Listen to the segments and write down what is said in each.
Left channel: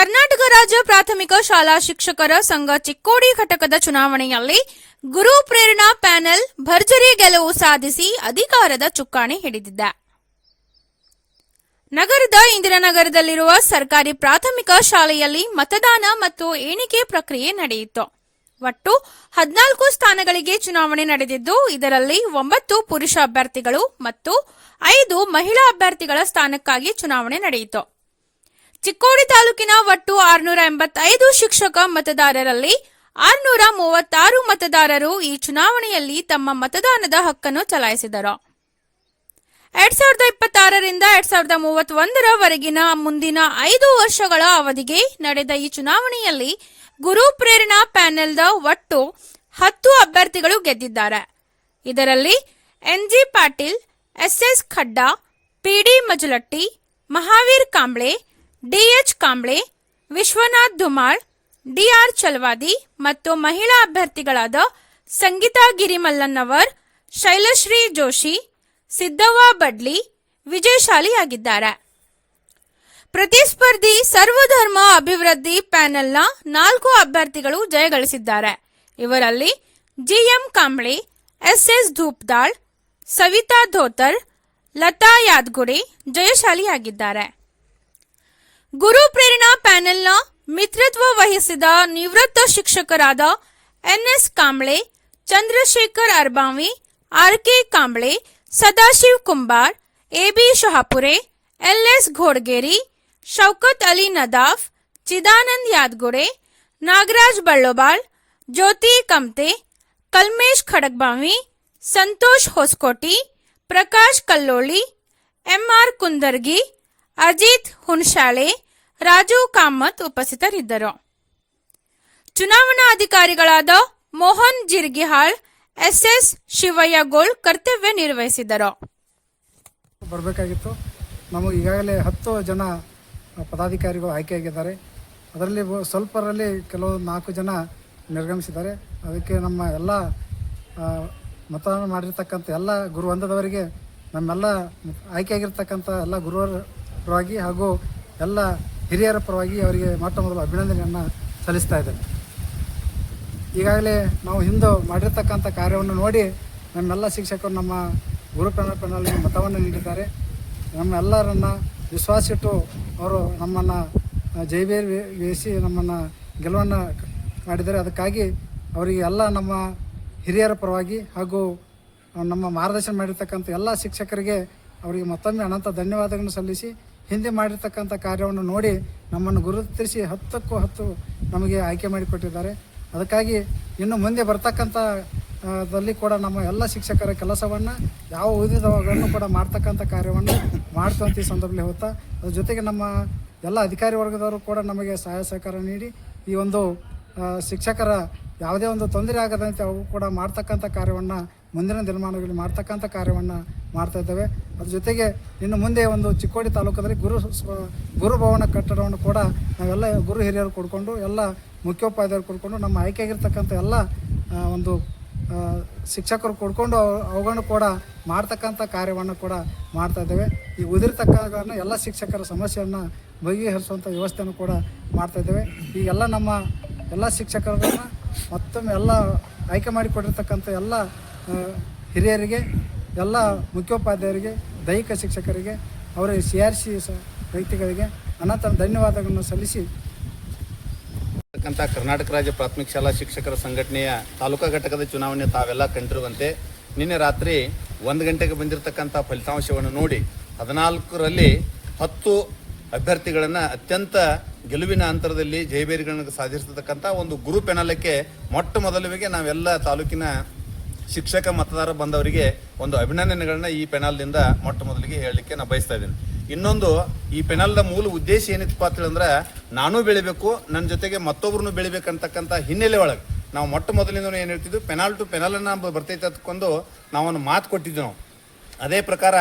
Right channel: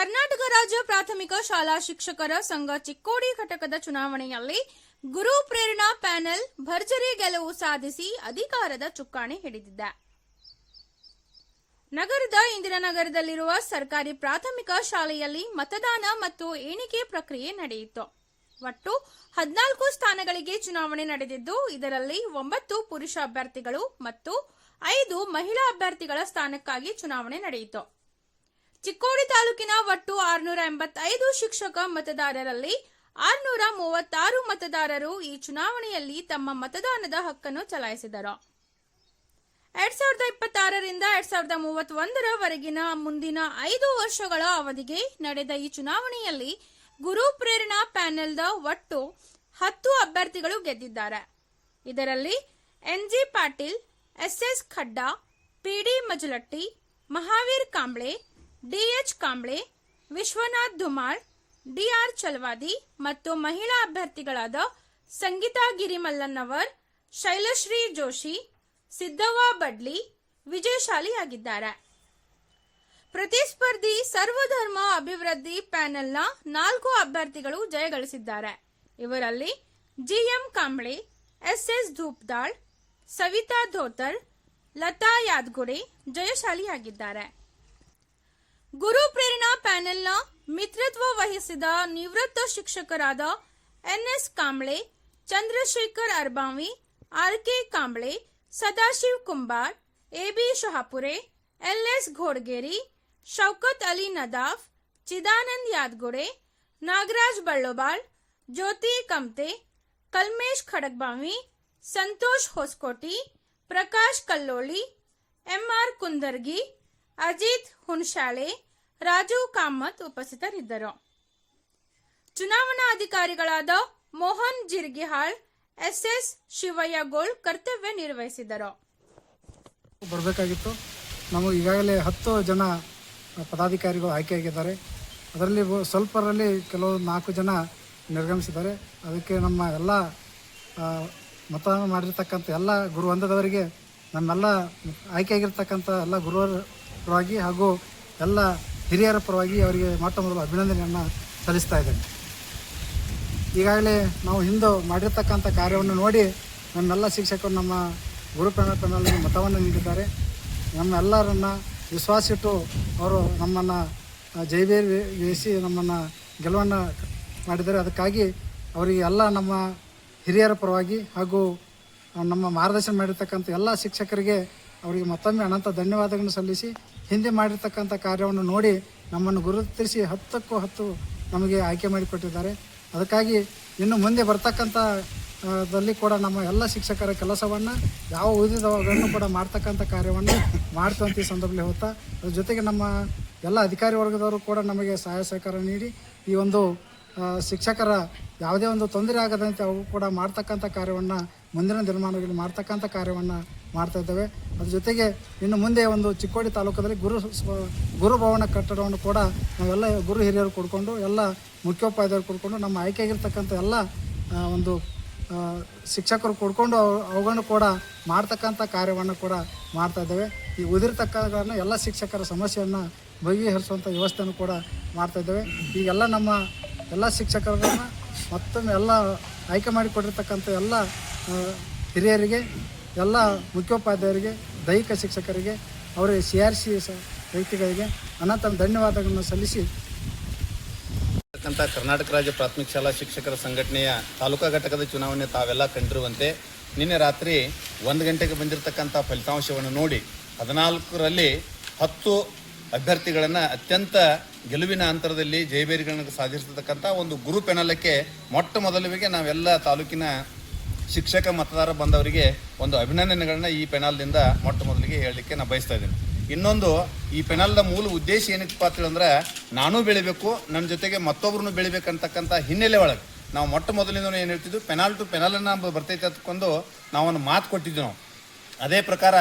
ಕರ್ನಾಟಕ ರಾಜ್ಯ ಪ್ರಾಥಮಿಕ ಶಾಲಾ ಶಿಕ್ಷಕರ ಸಂಘ ಚಿಕ್ಕೋಡಿ ಘಟಕದ ಚುನಾವಣೆಯಲ್ಲಿ ಗುರು ಪ್ರೇರಣಾ ಪ್ಯಾನೆಲ್ ಭರ್ಜರಿ ಗೆಲುವು ಸಾಧಿಸಿ ಅಧಿಕಾರದ ಚುಕ್ಕಾಣಿ ಹಿಡಿದಿದೆ. ನಗರದ ಇಂದಿರಾನಗರದಲ್ಲಿರುವ ಸರ್ಕಾರಿ ಪ್ರಾಥಮಿಕ ಶಾಲೆಯಲ್ಲಿ ಮತದಾನ ಮತ್ತು ಎಣಿಕೆ ಪ್ರಕ್ರಿಯೆ ನಡೆಯಿತು. ಒಟ್ಟು 14 ಸ್ಥಾನಗಳಿಗೆ ಚುನಾವಣೆ ನಡೆದಿದ್ದು, ಇದರಲ್ಲಿ 9 ಪುರುಷ ಅಭ್ಯರ್ಥಿಗಳು ಮತ್ತು 5 ಮಹಿಳಾ ಅಭ್ಯರ್ಥಿಗಳ ಸ್ಥಾನಕ್ಕಾಗಿ ಚುನಾವಣೆ ನಡೆಯಿತು. ಚಿಕ್ಕೋಡಿ ತಾಲೂಕಿನ ಒಟ್ಟು 685 ಶಿಕ್ಷಕ ಮತದಾರರಲ್ಲಿ 636 ಮತದಾರರು ಈ ಚುನಾವಣೆಯಲ್ಲಿ ತಮ್ಮ ಮತದಾನದ ಹಕ್ಕನ್ನು ಚಲಾಯಿಸಿದರು. 2026 ರಿಂದ 2031 ವರೆಗಿನ ಮುಂದಿನ 5 ವರ್ಷಗಳ ಅವಧಿಗೆ ನಡೆದ ಈ ಚುನಾವಣೆಯಲ್ಲಿ ಗುರು ಪ್ರೇರಣಾ ಪ್ಯಾನೆಲ್ದ ಒಟ್ಟು 10 ಅಭ್ಯರ್ಥಿಗಳು ಗೆದ್ದಿದ್ದಾರೆ. ಇದರಲ್ಲಿ NG Patil, SS Khadda, PD Majalatti, Mahaveer Kamble, DH Kamble, Vishwanath Dhumal, DR Chalavadi ಮತ್ತು ಮಹಿಳಾ ಅಭ್ಯರ್ಥಿಗಳಾದ ಸಂಗೀತಾ ಗಿರಿಮಲ್ಲನ್ನವರ್, ಶೈಲಶ್ರೀ ಜೋಶಿ, ಸಿದ್ದವ್ವ ಬಡ್ಲಿ ವಿಜಯಶಾಲಿಯಾಗಿದ್ದಾರೆ. ಪ್ರತಿಸ್ಪರ್ಧಿ ಸರ್ವಧರ್ಮ ಅಭಿವೃದ್ಧಿ ಪ್ಯಾನೆಲ್ನ 4 ಅಭ್ಯರ್ಥಿಗಳು ಜಯಗಳಿಸಿದ್ದಾರೆ. ಇವರಲ್ಲಿ ಜಿಎಂ ಕಾಂಬ್ಳೆ, ಎಸ್ಎಸ್ ಧೂಪ್ದಾಳ್, ಸವಿತಾ ಧೋತರ್, ಲತಾ ಯಾದಗುಡೆ ಜಯಶಾಲಿಯಾಗಿದ್ದಾರೆ. ಗುರು ಪ್ರೇರಣಾ ಪ್ಯಾನೆಲ್ನ ಮಿತ್ರತ್ವ ವಹಿಸಿದ ನಿವೃತ್ತ ಶಿಕ್ಷಕರಾದ NS Kamble, Chandrashekhar Arbavi, RK Kamble, Sadashiv Kumbar, AB Shahapure, LS Ghodageri, Shaukat Ali Nadaf, Chidanand Yadagude, Nagaraj Ballobal, Jyoti Kamte, Kalmesh Khadakbavi, Santosh Hosakoti, Prakash Kalloli, MR Kundargi, Ajit Hunashale, Raju Kamat ಉಪಸ್ಥಿತರಿದ್ದರು. ಚುನಾವಣಾ ಅಧಿಕಾರಿಗಳಾದ ಮೋಹನ್ ಜಿರ್ಗಿಹಾಳ್, ಎಸ್ಎಸ್ ಶಿವಯ್ಯಗೋಳ್ ಕರ್ತವ್ಯ ನಿರ್ವಹಿಸಿದರು. ಬರಬೇಕಾಗಿತ್ತು. ನಮಗೆ ಈಗಾಗಲೇ 10 ಜನ ಪದಾಧಿಕಾರಿಗಳು ಆಯ್ಕೆಯಾಗಿದ್ದಾರೆ. ಅದರಲ್ಲಿ ಸ್ವಲ್ಪರಲ್ಲಿ ಕೆಲವು 4 ಜನ ನಿರ್ಗಮಿಸಿದ್ದಾರೆ. ಅದಕ್ಕೆ ನಮ್ಮ ಎಲ್ಲ ಮತದಾನ ಮಾಡಿರ್ತಕ್ಕಂಥ ಎಲ್ಲ ಗುರು ವೃಂದದವರಿಗೆ, ನಮ್ಮೆಲ್ಲ ಆಯ್ಕೆಯಾಗಿರ್ತಕ್ಕಂಥ ಎಲ್ಲ ಗುರುವರ ಪರವಾಗಿ ಹಾಗೂ ಎಲ್ಲ ಹಿರಿಯರ ಪರವಾಗಿ ಅವರಿಗೆ ಮೊಟ್ಟ ಮೊದಲು ಅಭಿನಂದನೆಯನ್ನು ಸಲ್ಲಿಸ್ತಾ ಇದ್ದೇನೆ. ಈಗಾಗಲೇ ನಾವು ಹಿಂದೆ ಮಾಡಿರ್ತಕ್ಕಂಥ ಕಾರ್ಯವನ್ನು ನೋಡಿ ನಮ್ಮೆಲ್ಲ ಶಿಕ್ಷಕರು ನಮ್ಮ ಗುರು ಪ್ಯಾನಲ್ಗೆ ಮತವನ್ನು ನೀಡಿದ್ದಾರೆ. ನಮ್ಮೆಲ್ಲರನ್ನ ವಿಶ್ವಾಸಿಟ್ಟು ಅವರು ನಮ್ಮನ್ನು ಜೈವೇರಿಸಿ ನಮ್ಮನ್ನು ಗೆಲುವನ್ನು ಮಾಡಿದ್ದಾರೆ. ಅದಕ್ಕಾಗಿ ಅವರಿಗೆ ಎಲ್ಲ ನಮ್ಮ ಹಿರಿಯರ ಪರವಾಗಿ ಹಾಗೂ ನಮ್ಮ ಮಾರ್ಗದರ್ಶನ ಮಾಡಿರ್ತಕ್ಕಂಥ ಎಲ್ಲ ಶಿಕ್ಷಕರಿಗೆ ಅವರಿಗೆ ಮತ್ತೊಮ್ಮೆ ಅನಂತ ಧನ್ಯವಾದಗಳನ್ನು ಸಲ್ಲಿಸಿ, ಹಿಂದೆ ಮಾಡಿರ್ತಕ್ಕಂಥ ಕಾರ್ಯವನ್ನು ನೋಡಿ ನಮ್ಮನ್ನು ಗುರುತಿಸಿ 10ಕ್ಕೂ 10 ನಮಗೆ ಆಯ್ಕೆ ಮಾಡಿಕೊಟ್ಟಿದ್ದಾರೆ. ಅದಕ್ಕಾಗಿ ಇನ್ನು ಮುಂದೆ ಬರ್ತಕ್ಕಂಥ ದಲ್ಲಿ ಕೂಡ ನಮ್ಮ ಎಲ್ಲ ಶಿಕ್ಷಕರ ಕೆಲಸವನ್ನು ಯಾವ ಉಳಿದಿದ್ದವನ್ನು ಕೂಡ ಮಾಡ್ತಕ್ಕಂಥ ಕಾರ್ಯವನ್ನು ಮಾಡ್ತಂತ ಈ ಸಂದರ್ಭದಲ್ಲಿ ಹೋಗ್ತಾ, ಅದ್ರ ಜೊತೆಗೆ ನಮ್ಮ ಎಲ್ಲ ಅಧಿಕಾರಿ ವರ್ಗದವರು ಕೂಡ ನಮಗೆ ಸಹಾಯ ಸಹಕಾರ ನೀಡಿ ಈ ಒಂದು ಶಿಕ್ಷಕರ ಯಾವುದೇ ಒಂದು ತೊಂದರೆ ಆಗದಂತೆ ಅವು ಕೂಡ ಮಾಡ್ತಕ್ಕಂಥ ಕಾರ್ಯವನ್ನು ಮುಂದಿನ ದಿನಮಾನಗಳಲ್ಲಿ ಮಾಡ್ತಕ್ಕಂಥ ಕಾರ್ಯವನ್ನು ಮಾಡ್ತಾ ಇದ್ದೇವೆ. ಅದ್ರ ಜೊತೆಗೆ ಇನ್ನು ಮುಂದೆ ಒಂದು ಚಿಕ್ಕೋಡಿ ತಾಲೂಕದಲ್ಲಿ ಗುರುಭವನ ಕಟ್ಟಡವನ್ನು ಕೂಡ ನಾವೆಲ್ಲ ಗುರು ಹಿರಿಯರು ಕೊಡ್ಕೊಂಡು, ಎಲ್ಲ ಮುಖ್ಯೋಪಾಧ್ಯಾಯರು ಕೊಡ್ಕೊಂಡು, ನಮ್ಮ ಆಯ್ಕೆಯಾಗಿರ್ತಕ್ಕಂಥ ಎಲ್ಲ ಒಂದು ಶಿಕ್ಷಕರು ಕೊಡ್ಕೊಂಡು ಅವುಗಳನ್ನು ಕೂಡ ಮಾಡ್ತಕ್ಕಂಥ ಕಾರ್ಯವನ್ನು ಕೂಡ ಮಾಡ್ತಾ ಇದ್ದೇವೆ. ಈ ಉದಿರ್ತಕ್ಕಂಥ ಎಲ್ಲ ಶಿಕ್ಷಕರ ಸಮಸ್ಯೆಯನ್ನು ಬಗೆಹರಿಸುವಂಥ ವ್ಯವಸ್ಥೆಯನ್ನು ಕೂಡ ಮಾಡ್ತಾ ಇದ್ದೇವೆ. ಈಗೆಲ್ಲ ನಮ್ಮ ಎಲ್ಲ ಶಿಕ್ಷಕರನ್ನು ಮತ್ತೊಮ್ಮೆ ಎಲ್ಲ ಆಯ್ಕೆ ಮಾಡಿಕೊಟ್ಟಿರ್ತಕ್ಕಂಥ ಎಲ್ಲ ಹಿರಿಯರಿಗೆ, ಎಲ್ಲ ಮುಖ್ಯೋಪಾಧ್ಯಾಯರಿಗೆ, ದೈಹಿಕ ಶಿಕ್ಷಕರಿಗೆ, ಅವರಿಗೆ CRC ವ್ಯಕ್ತಿಗಳಿಗೆ ಅನಂತ ಧನ್ಯವಾದಗಳನ್ನು ಸಲ್ಲಿಸಿ ಕರ್ನಾಟಕ ರಾಜ್ಯ ಪ್ರಾಥಮಿಕ ಶಾಲಾ ಶಿಕ್ಷಕರ ಸಂಘಟನೆಯ ತಾಲೂಕಾ ಘಟಕದ ಚುನಾವಣೆ ತಾವೆಲ್ಲ ಕಂಡಿರುವಂತೆ ನಿನ್ನೆ ರಾತ್ರಿ 1 ಗಂಟೆಗೆ ಬಂದಿರತಕ್ಕಂಥ ಫಲಿತಾಂಶವನ್ನು ನೋಡಿ 14ರಲ್ಲಿ 10 ಅಭ್ಯರ್ಥಿಗಳನ್ನು ಅತ್ಯಂತ ಗೆಲುವಿನ ಅಂತರದಲ್ಲಿ ಜಯಬೇರಿಗಳನ್ನು ಸಾಧಿಸಿರ್ತಕ್ಕಂಥ ಒಂದು ಗುರು ಪ್ಯಾನಲಕ್ಕೆ ಮೊಟ್ಟ ಮೊದಲಿಗೆ ನಾವೆಲ್ಲ ತಾಲೂಕಿನ ಶಿಕ್ಷಕ ಮತದಾರ ಬಂದವರಿಗೆ ಒಂದು ಅಭಿನಂದನೆಗಳನ್ನ ಈ ಪ್ಯಾನಲ್ನಿಂದ ಮೊಟ್ಟ ಮೊದಲಿಗೆ ಹೇಳಲಿಕ್ಕೆ ನಾನು ಬಯಸ್ತಾ ಇದ್ದೀನಿ. ಇನ್ನೊಂದು, ಈ ಪ್ಯಾನಲ್ನ ಮೂಲ ಉದ್ದೇಶ ಏನಿತ್ತಪ್ಪ ಅಂತಂದ್ರೆ, ನಾನು ಬೆಳಿಬೇಕು, ನನ್ನ ಜೊತೆಗೆ ಮತ್ತೊಬ್ಬರನ್ನು ಬೆಳಿಬೇಕಂತಕ್ಕಂಥ ಹಿನ್ನೆಲೆ ಒಳಗೆ ನಾವು ಮೊಟ್ಟ ಮೊದಲಿಂದ ಏನು ಹೇಳ್ತಿದ್ವಿ, ಪೆನಾಲ್ ಟು ಪೆನಾಲನ್ನು ಬರ್ತೈತೆ ಅಂದ್ಕೊಂಡು ನಾವೊಂದು ಮಾತು ಕೊಟ್ಟಿದ್ವಿ. ನಾವು ಅದೇ ಪ್ರಕಾರ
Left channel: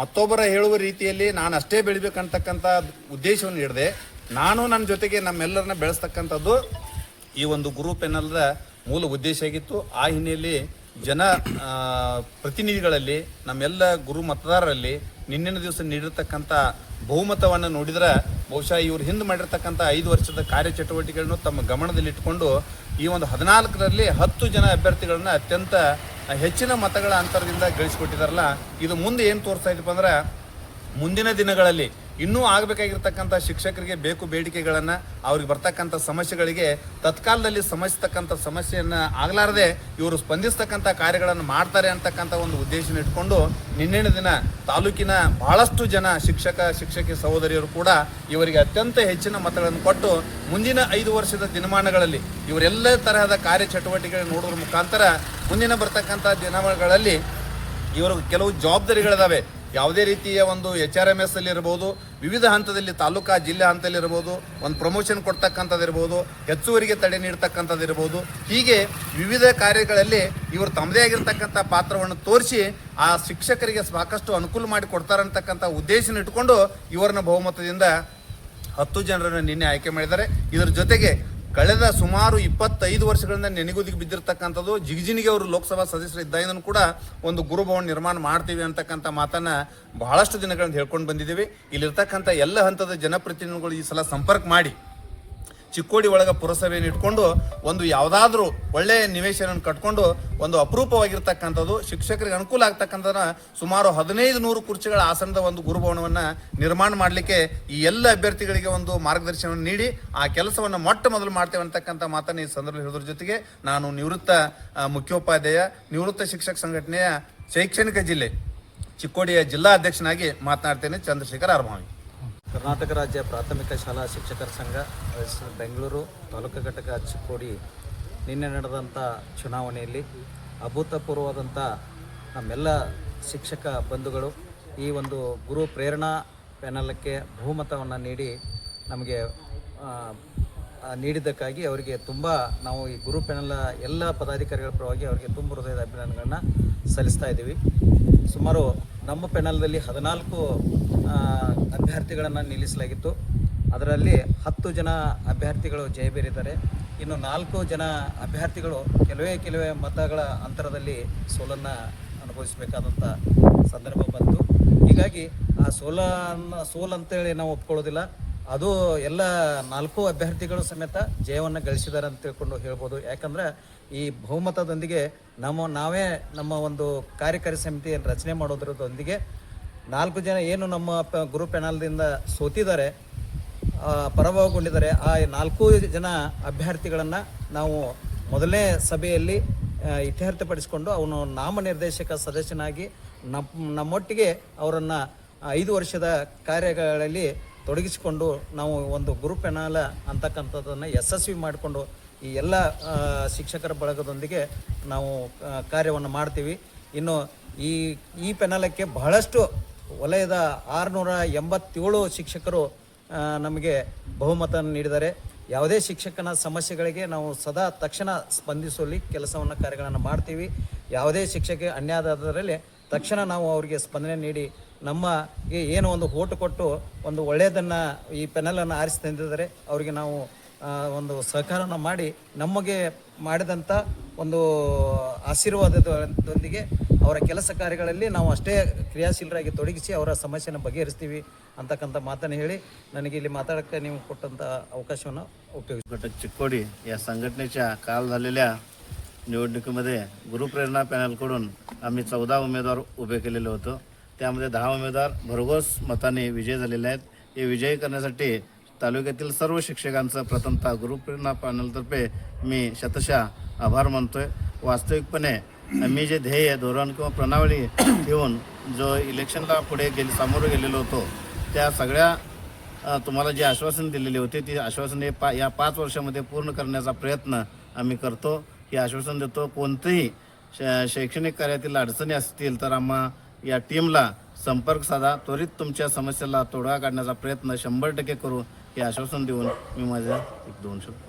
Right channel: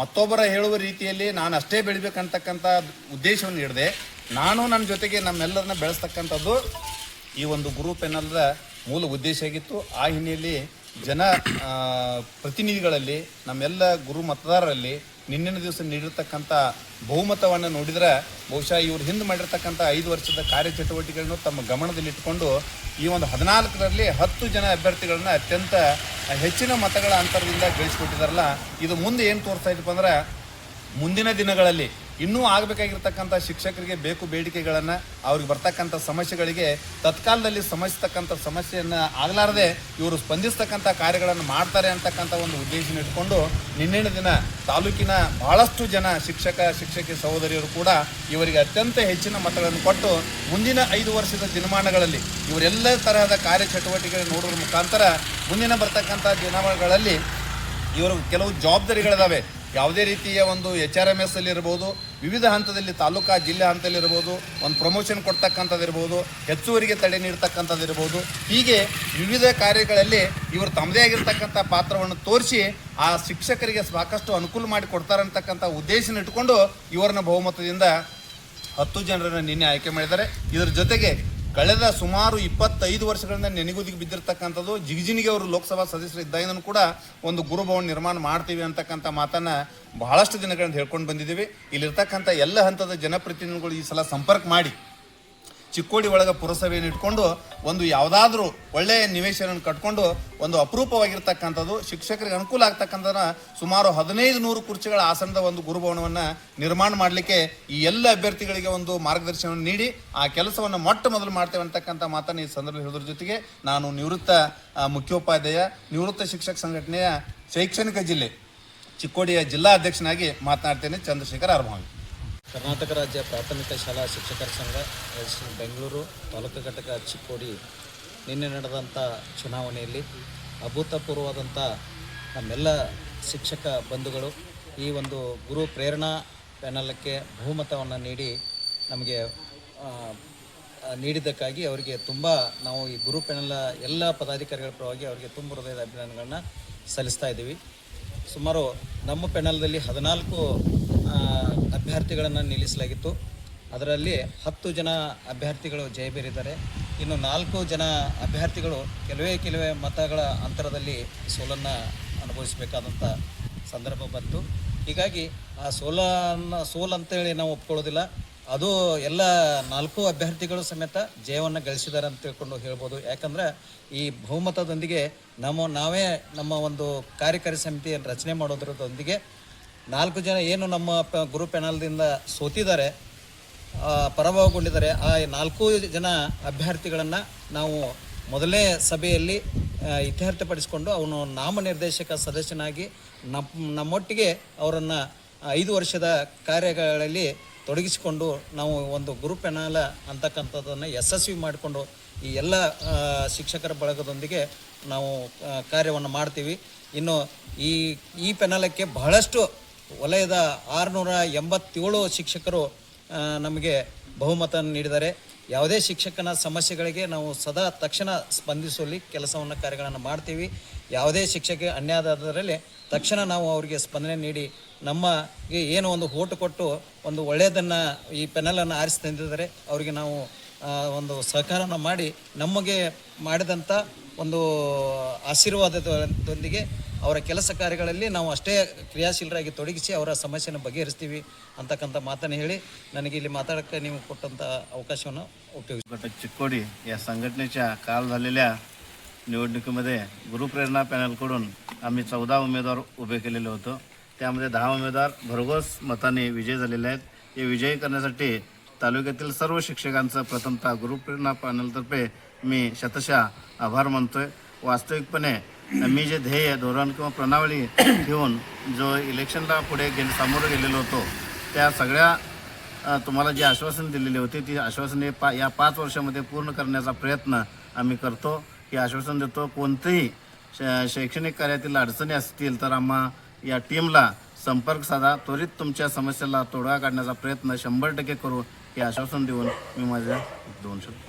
ಮತ್ತೊಬ್ಬರ ಹೇಳುವ ರೀತಿಯಲ್ಲಿ ನಾನು ಅಷ್ಟೇ ಬೆಳಿಬೇಕಂತಕ್ಕಂಥ ಉದ್ದೇಶವನ್ನು ಹಿಡಿದೆ ನಾನು ನನ್ನ ಜೊತೆಗೆ ನಮ್ಮೆಲ್ಲರನ್ನ ಬೆಳೆಸ್ತಕ್ಕಂಥದ್ದು ಈ ಒಂದು ಗುರು ಪ್ಯಾನಲ್ದ ಮೂಲ ಉದ್ದೇಶ ಆಗಿತ್ತು. ಆ ಹಿನ್ನೆಲೆಯಲ್ಲಿ ಜನ ಪ್ರತಿನಿಧಿಗಳಲ್ಲಿ, ನಮ್ಮೆಲ್ಲ ಗುರು ಮತದಾರರಲ್ಲಿ ನಿನ್ನಿನ ದಿವಸ ನೀಡಿರ್ತಕ್ಕಂಥ ಬಹುಮತವನ್ನು ನೋಡಿದ್ರೆ ಬಹುಶಃ ಇವರು ಹಿಂದೆ ಮಾಡಿರ್ತಕ್ಕಂಥ 5 ವರ್ಷದ ಕಾರ್ಯಚಟುವಟಿಕೆಗಳನ್ನು ತಮ್ಮ ಗಮನದಲ್ಲಿಟ್ಟುಕೊಂಡು ಈ ಒಂದು 14ರಲ್ಲಿ 10 ಜನ ಅಭ್ಯರ್ಥಿಗಳನ್ನ ಅತ್ಯಂತ ಹೆಚ್ಚಿನ ಮತಗಳ ಅಂತರದಿಂದ ಗಳಿಸಿಕೊಟ್ಟಿದಾರಲ್ಲ, ಇದು ಮುಂದೆ ಏನು ತೋರಿಸ್ತಾ ಇದಪ್ಪ ಅಂದ್ರೆ ಮುಂದಿನ ದಿನಗಳಲ್ಲಿ ಇನ್ನೂ ಆಗಬೇಕಾಗಿರ್ತಕ್ಕಂಥ ಶಿಕ್ಷಕರಿಗೆ ಬೇಕು ಬೇಡಿಕೆಗಳನ್ನು, ಅವ್ರಿಗೆ ಬರ್ತಕ್ಕಂಥ ಸಮಸ್ಯೆಗಳಿಗೆ ತತ್ಕಾಲದಲ್ಲಿ ಸಮಸ್ಯೆತಕ್ಕಂಥ ಸಮಸ್ಯೆಯನ್ನು ಆಗಲಾರದೆ ಇವರು ಸ್ಪಂದಿಸ್ತಕ್ಕಂಥ ಕಾರ್ಯಗಳನ್ನು ಮಾಡ್ತಾರೆ ಅಂತಕ್ಕಂಥ ಒಂದು ಉದ್ದೇಶ ಇಟ್ಕೊಂಡು ನಿನ್ನೆಯ ದಿನ ತಾಲೂಕಿನ ಬಹಳಷ್ಟು ಜನ ಶಿಕ್ಷಕಿ ಸಹೋದರಿಯರು ಕೂಡ ಇವರಿಗೆ ಅತ್ಯಂತ ಹೆಚ್ಚಿನ ಮತಗಳನ್ನು ಕೊಟ್ಟು ಮುಂದಿನ 5 ವರ್ಷದ ದಿನಮಾನಗಳಲ್ಲಿ ಇವರೆಲ್ಲ ತರಹದ ಕಾರ್ಯಚಟುವಟಿಕೆಗಳನ್ನು ನೋಡೋದ್ರ ಮುಖಾಂತರ ಮುಂದಿನ ಬರ್ತಕ್ಕಂಥ ದಿನಗಳಲ್ಲಿ ಇವರು ಕೆಲವು ಜವಾಬ್ದಾರಿಗಳಿದಾವೆ. ಯಾವುದೇ ರೀತಿಯ ಒಂದು HRMS ಅಲ್ಲಿ ಇರ್ಬೋದು, ವಿವಿಧ ಹಂತದಲ್ಲಿ ತಾಲೂಕಾ ಜಿಲ್ಲಾ ಹಂತದಲ್ಲಿ ಇರ್ಬೋದು, ಒಂದು ಪ್ರಮೋಷನ್ ಕೊಡ್ತಕ್ಕಂಥದ್ದು ಇರ್ಬೋದು, ಹೆಚ್ಚುವರಿಗೆ ತಡೆ ನೀಡ್ತಕ್ಕಂಥದ್ದು ಇರ್ಬೋದು, ಹೀಗೆ ವಿವಿಧ ಕಾರ್ಯಗಳಲ್ಲಿ ಇವರು ತಮ್ಮದೇ ಆಗಿರ್ತಕ್ಕಂಥ ಪಾತ್ರವನ್ನು ತೋರಿಸಿ ಆ ಶಿಕ್ಷಕರಿಗೆ ಸಾಕಷ್ಟು ಅನುಕೂಲ ಮಾಡಿ ಕೊಡ್ತಾರೆ ಅಂತಕ್ಕಂಥ ಉದ್ದೇಶನ ಇಟ್ಕೊಂಡು ಇವರನ್ನ ಬಹುಮತದಿಂದ 10 ಜನರನ್ನು ನಿನ್ನೆ ಆಯ್ಕೆ ಮಾಡಿದ್ದಾರೆ. ಇದರ ಜೊತೆಗೆ ಕಳೆದ ಸುಮಾರು 25 ವರ್ಷಗಳಿಂದ ನೆನೆಗುದಿಗೆ ಬಿದ್ದಿರ್ತಕ್ಕಂಥದ್ದು ಜಿಗಜಿನಿಗೆ ಅವರು ಲೋಕಸಭಾ ಸದಸ್ಯರು ಇದ್ದಾಗಿನೂ ಕೂಡ ಒಂದು ಗುರುಭವನ ನಿರ್ಮಾಣ ಮಾಡ್ತೀವಿ ಅಂತಕ್ಕಂಥ ಮಾತನ್ನ ಬಹಳಷ್ಟು ದಿನಗಳಿಂದ ಹೇಳ್ಕೊಂಡು ಬಂದಿದ್ದೀವಿ. ಇಲ್ಲಿರ್ತಕ್ಕಂಥ ಎಲ್ಲ ಹಂತದ ಜನಪ್ರತಿನಿಧಿಗಳು ಈ ಸಲ ಸಂಪರ್ಕ ಮಾಡಿ ಚಿಕ್ಕೋಡಿ ಒಳಗೆ ಪುರಸಭೆಯನ್ನು ಇಟ್ಕೊಂಡು ಒಂದು ಯಾವುದಾದ್ರೂ ಒಳ್ಳೆಯ ನಿವೇಶನ ಕಟ್ಕೊಂಡು ಒಂದು ಅಪರೂಪವಾಗಿರ್ತಕ್ಕಂಥದ್ದು ಶಿಕ್ಷಕರಿಗೆ ಅನುಕೂಲ ಆಗ್ತಕ್ಕಂಥದ್ದನ್ನ ಸುಮಾರು 1500 ಕುರ್ಚಿಗಳ ಆಸನದ ಒಂದು ಗುರುಭವನವನ್ನು ನಿರ್ಮಾಣ ಮಾಡಲಿಕ್ಕೆ ಈ ಎಲ್ಲ ಅಭ್ಯರ್ಥಿಗಳಿಗೆ ಒಂದು ಮಾರ್ಗದರ್ಶನವನ್ನು ನೀಡಿ ಆ ಕೆಲಸವನ್ನು ಮೊಟ್ಟ ಮೊದಲು ಮಾಡ್ತೇವೆ ಅಂತಕ್ಕಂಥ ಮಾತನ್ನು ಈ ಸಂದರ್ಭದಲ್ಲಿ ಹೇಳೋದ್ರ ಜೊತೆಗೆ ನಾನು ನಿವೃತ್ತ ಮುಖ್ಯೋಪಾಧ್ಯಾಯ, ನಿವೃತ್ತ ಶಿಕ್ಷಕ ಸಂಘಟನೆಯ ಶೈಕ್ಷಣಿಕ ಜಿಲ್ಲೆ ಚಿಕ್ಕೋಡಿಯ ಜಿಲ್ಲಾ ಅಧ್ಯಕ್ಷನಾಗಿ ಮಾತನಾಡ್ತೇನೆ. ಚಂದ್ರಶೇಖರ್ ಅರ್ಮಾವಿ. ಕರ್ನಾಟಕ ರಾಜ್ಯ ಪ್ರಾಥಮಿಕ ಶಾಲಾ ಶಿಕ್ಷಕರ ಸಂಘ ರಿಜಿಸ್ಟರ್ ಬೆಂಗಳೂರು ತಾಲೂಕು ಘಟಕ ಚಿಕ್ಕೋಡಿ ನಿನ್ನೆ ನಡೆದಂಥ ಚುನಾವಣೆಯಲ್ಲಿ ಅಭೂತಪೂರ್ವವಾದಂಥ ನಮ್ಮೆಲ್ಲ ಶಿಕ್ಷಕ ಬಂಧುಗಳು ಈ ಒಂದು ಗುರು ಪ್ರೇರಣಾ ಪ್ಯಾನಲಕ್ಕೆ ಬಹುಮತವನ್ನು ನೀಡಿ ನಮಗೆ ನೀಡಿದ್ದಕ್ಕಾಗಿ ಅವರಿಗೆ ತುಂಬ ನಾವು ಈ ಗುರು ಪ್ಯಾನಲ್ ಎಲ್ಲ ಪದಾಧಿಕಾರಿಗಳ ಪರವಾಗಿ ಅವರಿಗೆ ತುಂಬ ಹೃದಯದ ಅಭಿನಂದನೆಗಳನ್ನ ಸಲ್ಲಿಸ್ತಾ ಇದ್ದೀವಿ. ಸುಮಾರು ನಮ್ಮ ಪ್ಯಾನಲ್ದಲ್ಲಿ 14 ಅಭ್ಯರ್ಥಿಗಳನ್ನು ನಿಲ್ಲಿಸಲಾಗಿತ್ತು. ಅದರಲ್ಲಿ 10 ಜನ ಅಭ್ಯರ್ಥಿಗಳು ಜಯಬೇರಿದ್ದಾರೆ. ಇನ್ನು 4 ಜನ ಅಭ್ಯರ್ಥಿಗಳು ಕೆಲವೇ ಮತಗಳ ಅಂತರದಲ್ಲಿ ಸೋಲನ್ನು ಅನುಭವಿಸಬೇಕಾದಂಥ ಸಂದರ್ಭ ಬಂತು. ಹೀಗಾಗಿ ಆ ಸೋಲು ಅಂತೇಳಿ ನಾವು ಒಪ್ಕೊಳ್ಳೋದಿಲ್ಲ. ಅದು ಎಲ್ಲ 4 ಅಭ್ಯರ್ಥಿಗಳು ಸಮೇತ ಜಯವನ್ನು ಗಳಿಸಿದ್ದಾರೆ ಅಂತ ತಿಳ್ಕೊಂಡು ಹೇಳ್ಬೋದು. ಯಾಕಂದರೆ ಈ ಬಹುಮತದೊಂದಿಗೆ ನಾವೇ ನಮ್ಮ ಒಂದು ಕಾರ್ಯಕಾರಿ ಸಮಿತಿಯನ್ನು ರಚನೆ ಮಾಡೋದ್ರದೊಂದಿಗೆ 4 ಜನ ಏನು ನಮ್ಮ ಗುರು ಪ್ಯಾನಲ್ದಿಂದ ಸೋತಿದ್ದಾರೆ, ಪರಾಭವಗೊಂಡಿದ್ದಾರೆ, ಆ 4 ಜನ ಅಭ್ಯರ್ಥಿಗಳನ್ನು ನಾವು ಮೊದಲನೇ ಸಭೆಯಲ್ಲಿ ಇತ್ಯರ್ಥಪಡಿಸಿಕೊಂಡು ಅವನು ನಾಮನಿರ್ದೇಶಕ ಸದಸ್ಯನಾಗಿ ನಮ್ಮೊಟ್ಟಿಗೆ ಅವರನ್ನು 5 ವರ್ಷದ ಕಾರ್ಯಗಳಲ್ಲಿ ತೊಡಗಿಸಿಕೊಂಡು ನಾವು ಒಂದು ಗುರು ಪ್ಯಾನಲ್ ಅಂತಕ್ಕಂಥದ್ದನ್ನು ಯಶಸ್ವಿ ಮಾಡಿಕೊಂಡು ಈ ಎಲ್ಲ ಶಿಕ್ಷಕರ ಬಳಗದೊಂದಿಗೆ ನಾವು ಕಾರ್ಯವನ್ನು ಮಾಡ್ತೀವಿ. ಇನ್ನು ಈ ಪ್ಯಾನಲಕ್ಕೆ ಬಹಳಷ್ಟು ವಲಯದ 687 ಶಿಕ್ಷಕರು ನಮಗೆ ಬಹುಮತ ನೀಡಿದ್ದಾರೆ. ಯಾವುದೇ ಶಿಕ್ಷಕನ ಸಮಸ್ಯೆಗಳಿಗೆ ನಾವು ಸದಾ ತಕ್ಷಣ ಸ್ಪಂದಿಸುವಲ್ಲಿ ಕೆಲಸವನ್ನು ಕಾರ್ಯಗಳನ್ನು ಮಾಡ್ತೀವಿ. ಯಾವುದೇ ಶಿಕ್ಷಕ ಅನ್ಯಾಯದಲ್ಲಿ ತಕ್ಷಣ ನಾವು ಅವರಿಗೆ ಸ್ಪಂದನೆ ನೀಡಿ ನಮಗೆ ಏನು ಒಂದು ಓಟು ಕೊಟ್ಟು ಒಂದು ಒಳ್ಳೆಯದನ್ನು ಈ ಪ್ಯಾನಲನ್ನು ಆರಿಸಿ ತಂದಿದ್ದಾರೆ ಅವರಿಗೆ ನಾವು ಒಂದು ಸಹಕಾರನ ಮಾಡಿ ನಮಗೆ ಮಾಡಿದಂಥ ಒಂದು ಆಶೀರ್ವಾದದೊಂದಿಗೆ ಅವರ ಕೆಲಸ ಕಾರ್ಯಗಳಲ್ಲಿ ನಾವು ಅಷ್ಟೇ ಕ್ರಿಯಾಶೀಲರಾಗಿ ತೊಡಗಿಸಿ ಅವರ ಸಮಸ್ಯೆಯನ್ನು ಬಗೆಹರಿಸ್ತೀವಿ ಅಂತಕ್ಕಂಥ मातನ್ನು ಹೇಳಿ ನನಗೆ ಇಲ್ಲಿ माताडಕ್ಕೆ ನೀವು ಕೊಟ್ಟಂಥ ಅವಕಾಶವನ್ನು उपयोगितो. चिक्कोडी या संघटनेच्या काल झालेल्या निवडणुकीमध्ये गुरुप्रेरणा पॅनलकडून आम्ही 14 उमेदवार उभे केलेले होतो. त्यामध्ये 10 उमेदवार भरघोस मताने विजय झालेले आहेत. हे विजयी करण्यासाठी तालुक्यातील सर्व शिक्षकांचं प्रथमतः गुरुप्रेरणा पॅनलतर्फे मी शतशः आभार मानतोय. वास्तविकपणे आम्ही जे ध्येय धोरण किंवा प्रणाली घेऊन जो इलेक्शनला पुढे सामोरं गेलेलो होतो त्या सगळ्या तुम्हाला जी आश्वासन दिलेली होती ती आश्वासने या 5 वर्षामध्ये पूर्ण करण्याचा प्रयत्न आम्ही करतो. हे आश्वासन देतो. कोणतेही शैक्षणिक कार्यातील अडचणी असतील तर आम्हा या टीमला संपर्क साधा. त्वरित तुमच्या समस्येला तोडगा काढण्याचा प्रयत्न 100% करू हे आश्वासन देऊन मी माझ्या 2 शब्द